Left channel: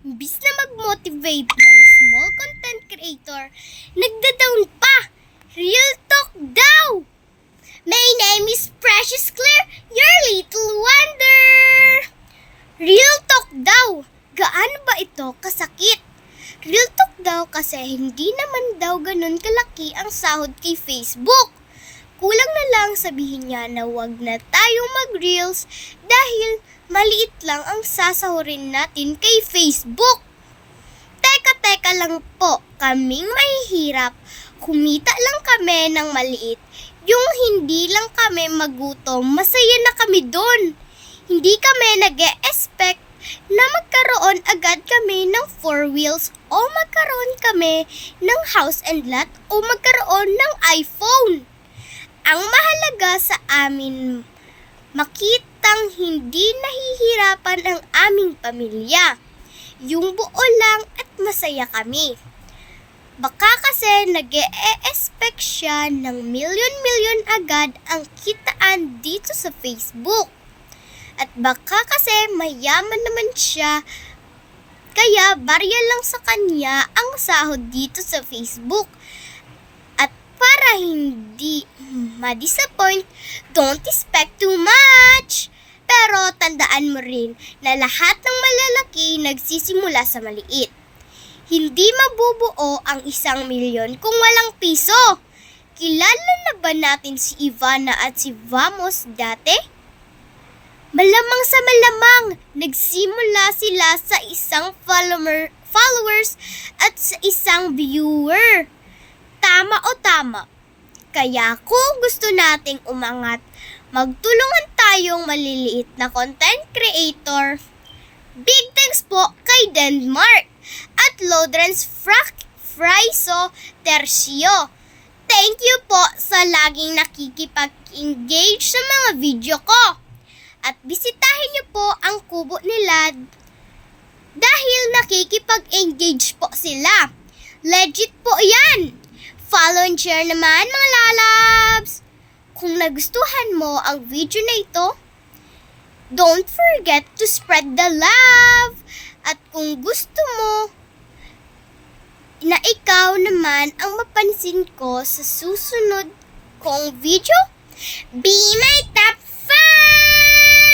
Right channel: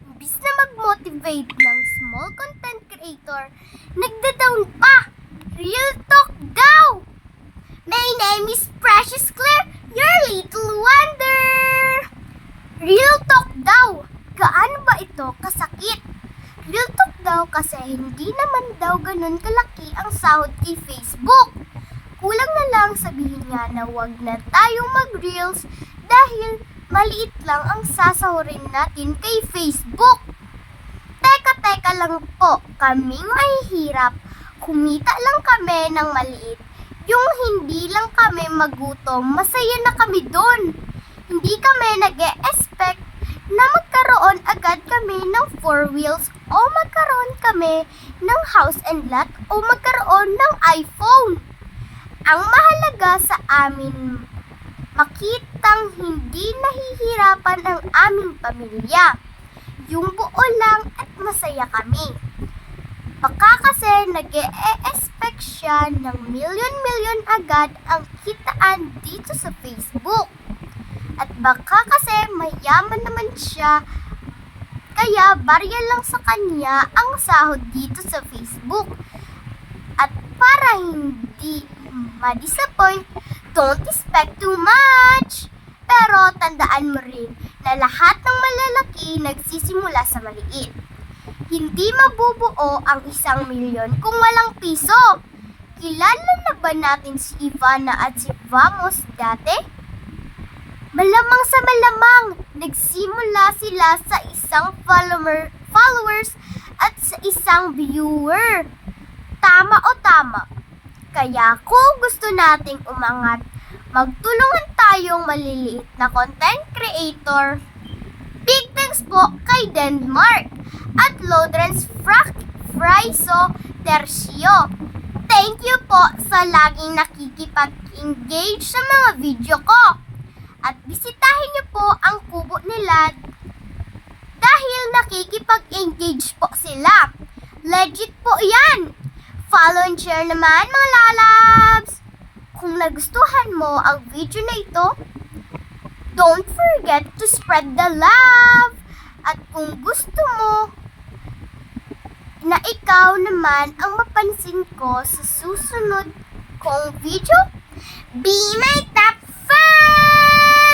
Imbis na mag-motivate ng small content creator, nagda-down pa. Real talk daw! My name is Precious Claire, your little wonder! Real talk daw! Gaano ba ito kasakit? Real talk daw kasi hindi naman daw ganun kalaki ang sahod kay Facebook. Kulang na lang sabihin niya na wag na tayong mag-reels dahil maliit lang ang sasahurin natin kay Facebook. Teka lang po, kaming mahihirap. Kumita lang kami ng maliit. Yung hindi lang kami magutom, masaya na kami doon. Hindi kami nag-e-expect na magkaroon agad kami ng 4 wheels o magkaroon kami ng house and lot o magkaroon ng iPhone. Ang mahalaga sa amin, makitang hindi nahihirapan ang aming pamilya. Yung buo lang at masaya kami. Baka kasi nag-e-expect siya ng milyon-milyon agad ang kitaan dito sa Facebook. At baka kasi mayaman naman siya, kaya barya lang sa kanya ang sahod dito sa Facebook. At para hindi ma-disappoint, don't expect too much. Pero tandaan mo rin na lahat ng malalaki nagsisimula sa maliit. Hindi mabubuo ang 1 milyon kung walang piso. Kilala na ba natin si Ivana at si Vamos dati? Malamang sa malamang, nagsimula sila sa isang followers at sa isang viewer. Tama o tama? Kaya kung gusto nating umangat, magtulungan tayong maliliit na content creator. Big thanks po kay Denmark at Lodrens Fraiso Tercio. Thank you po sa laging nakikipag-engage sa mga video ko. At bisitahin niyo po ang kubo nila dahil nakikipag-engage po sila. Legit po yan! Follow and share naman mga lalabs! Kung nagustuhan mo ang video na ito, don't forget to spread the love! At kung gusto mo na ikaw naman ang mapansin ko sa susunod kong video, be my top fan!